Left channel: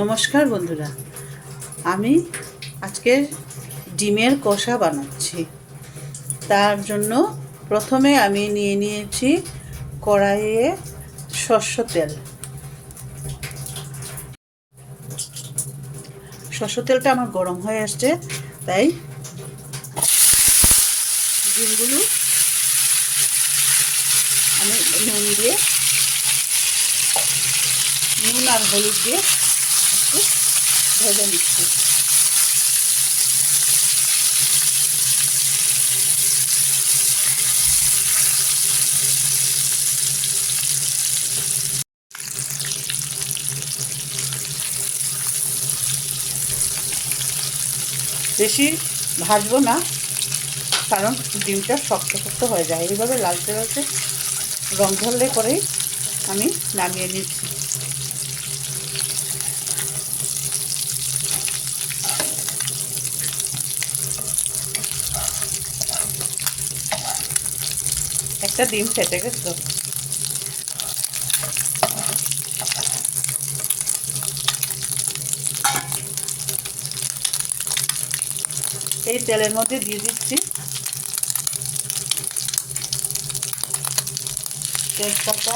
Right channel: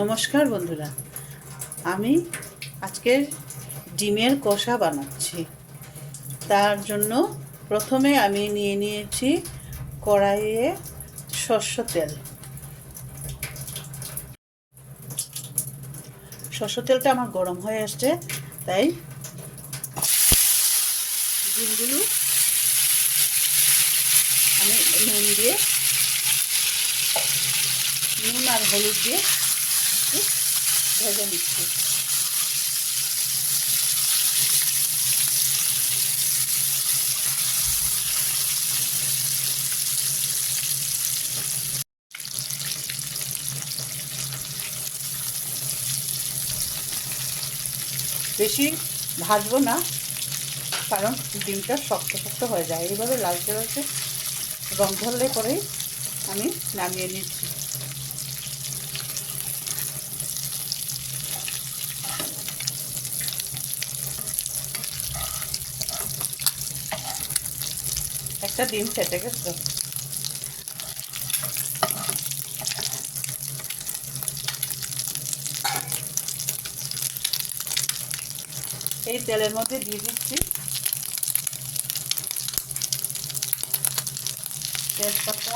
নমস্কার বন্ধুরা, আমি আজকে ডিমের কষা বানাচ্ছি। তার জন্য প্রথমে আমি নিয়ে নিয়েছি কড়াইয়ে সর্ষের তেল। সর্ষের তেলটা আমার গরম হয়ে আসছে, তাই ডিমগুলো আমি নুন আর হলুদ দিয়ে একটু ভেজে নিচ্ছি। বেশি ভাজবো না, কারণ ডিমটা শক্ত শক্ত হয়ে যায়। এইভাবে লালচে লালচে রং ধরলে পরেই আমি নামিয়ে নিচ্ছি। একটা ডিম ফেটে গেছে। এই তেলের মধ্যে দিয়ে দিচ্ছি তেজপাতা,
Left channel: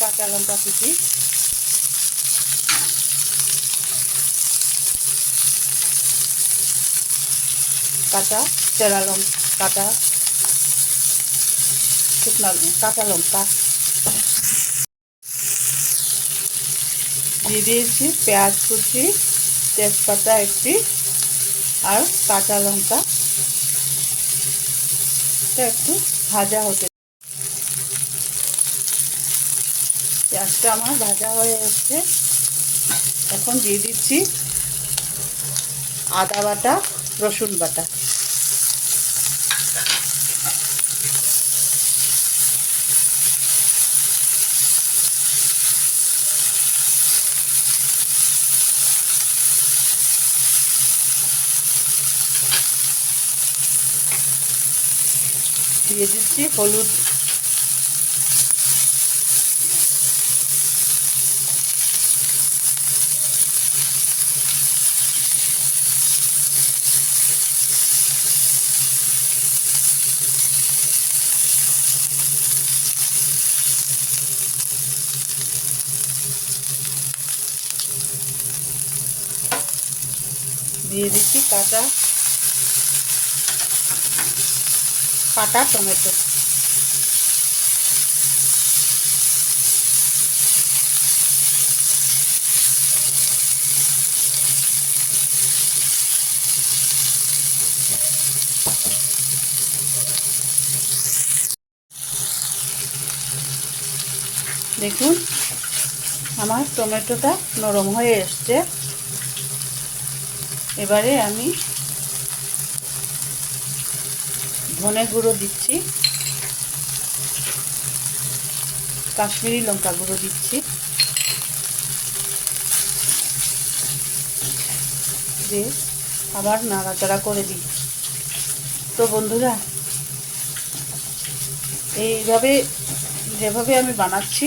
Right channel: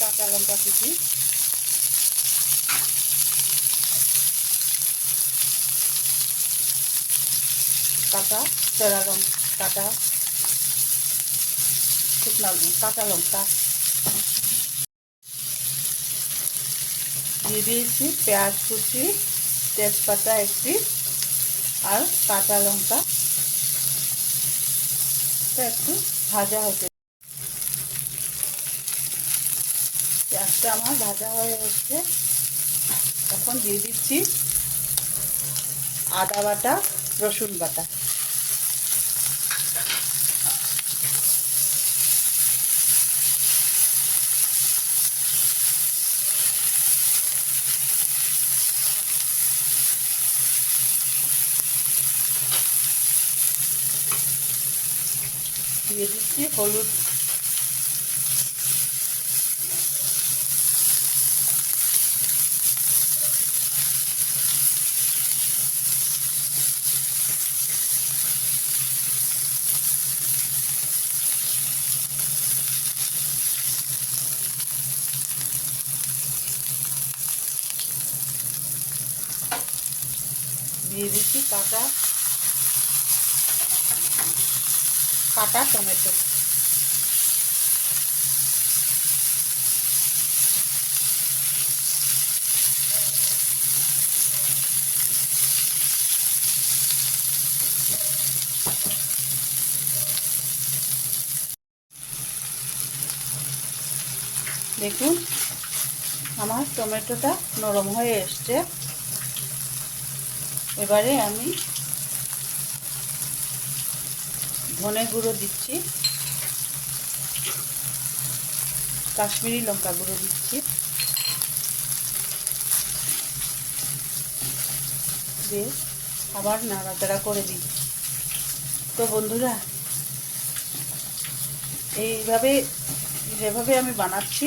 কাঁচা লঙ্কা কুচি, কাঁচা চেরা লঙ্কা, শুকনো কাঁচা লঙ্কা দিয়ে দিয়েছি, পেঁয়াজ কুচি, তেজপাতা একটি আর কাঁচা লঙ্কা একটু ভাজা হতে। পেঁয়াজটা আমার ভাজা হয়ে এসছে। এখন দিয়ে দিচ্ছি আদা বাটা, রসুন বাটা। দিয়ে দিচ্ছি হলুদ, দিয়ে দিচ্ছি কাটা টমেটো। দেখুন আমার টমেটোটা নরম হয়ে এসছে। এবারে আমি ধনে গুঁড়ো দিচ্ছি, কাশ্মীরি লঙ্কা গুঁড়ো দিচ্ছি, দিয়ে আবার নাড়াচাড়া করে দিই। তো বন্ধুরা, এইভাবে যেভাবে আমি বানাচ্ছি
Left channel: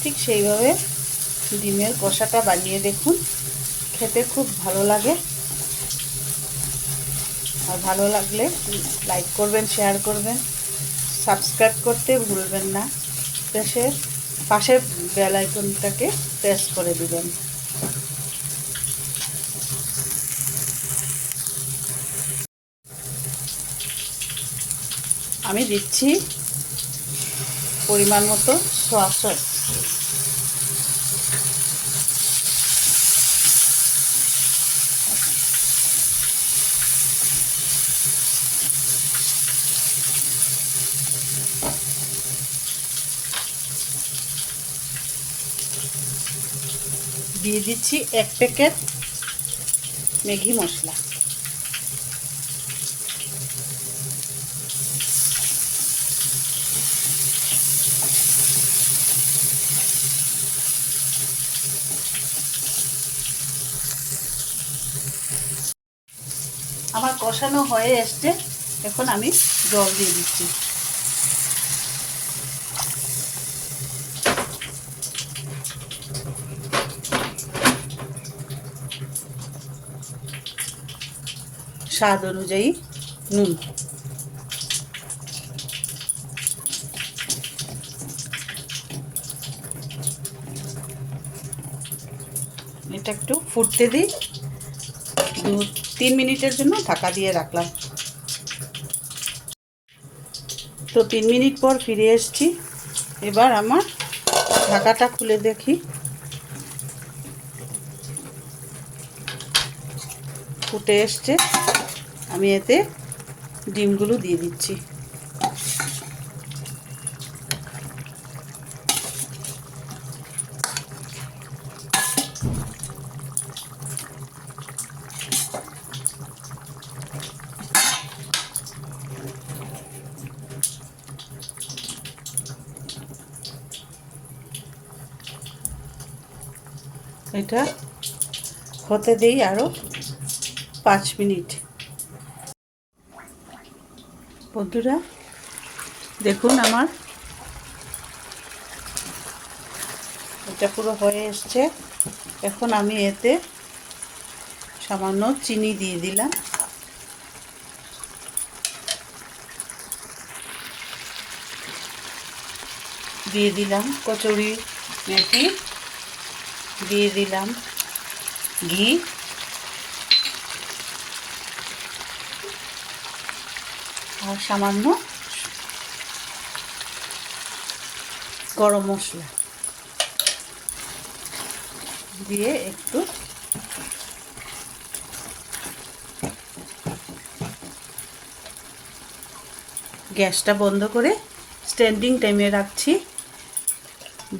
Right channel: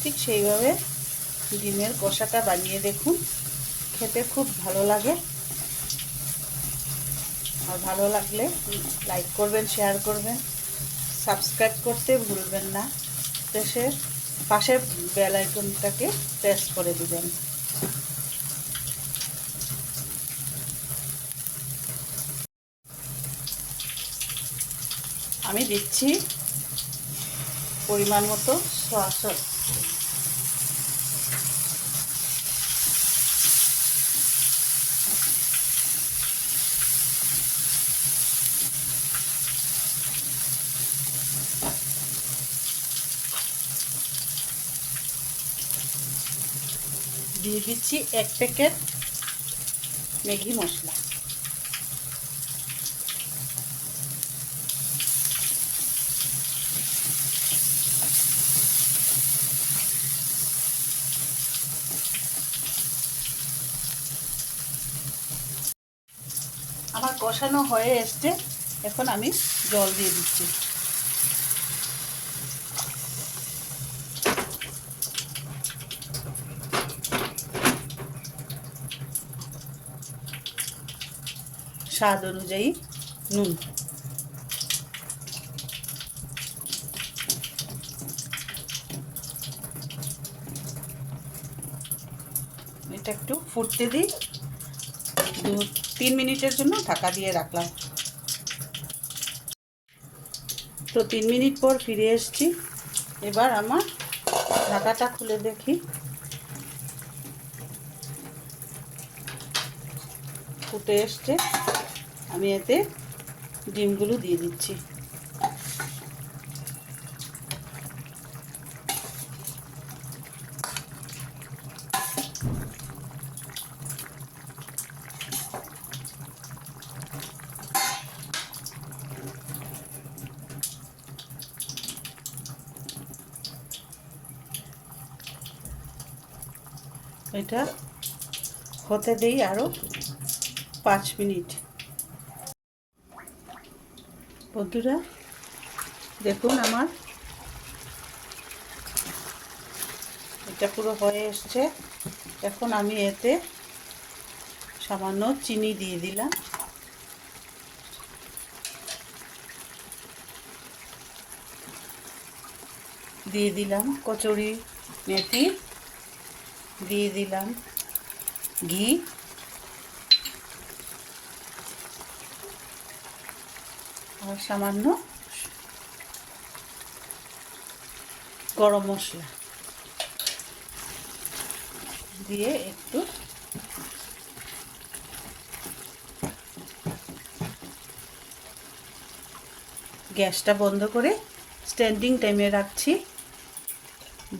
ঠিক সেইভাবে ডিমের কষাটা বানিয়ে দেখুন, খেতে খুব ভালো লাগে। আর ভালো লাগলে লাইক করবেন, শেয়ার করবেন, সাবস্ক্রাইব করতে ভুলবেন না। পাশের বেল আইকনটাকে প্রেস করে দিবেন। আমি দিচ্ছি পরিমাণ মতো সয়া সস। দিয়ে দিচ্ছি 1 প্যাকেট ম্যাগি মশলা। আমার কষানো হয়ে এসছে, এখন আমি জল দিয়ে দিচ্ছি। স্বাদ অনুযায়ী নুন। এটা একটু ফুটতে দিই, 2-3 মিনিটের জন্য ঢাকা দিয়ে রাখলাম। তো 3 মিনিট পর ফিরে এসেছি। এবার আমার ঢাকাটা খুলে দেখি, ফুটে এসছে। আমি এতে ডিমগুলো দিয়ে দিচ্ছি। এটা হতে দেই আরও 5 মিনিট। বন্ধুরা দেখুন, আমার এটা পুরো হয়ে এসছে। এখন আমি এতে সামান্য চিনি দিয়ে দিলাম। দিয়ে দিলাম কচুরি মেথি, দিয়ে দিলাম ঘি, আর সামান্য গরম মশলা দিয়ে একটু গ্যাসটা বন্ধ করে স্ট্যান্ডিং টাইমে রাখছি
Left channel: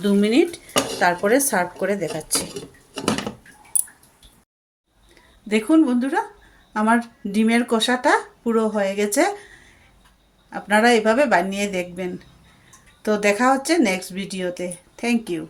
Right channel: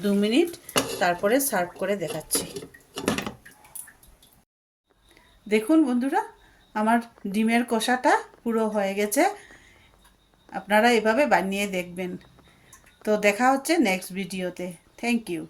2 মিনিট, তারপরে সার্ভ করে দেখাচ্ছি। দেখুন বন্ধুরা, আমার ডিমের কষাটা পুরো হয়ে গেছে। আপনারা এভাবে বানিয়ে দেখবেন। তো দেখা হচ্ছে নেক্সট ভিডিওতে। Thank you.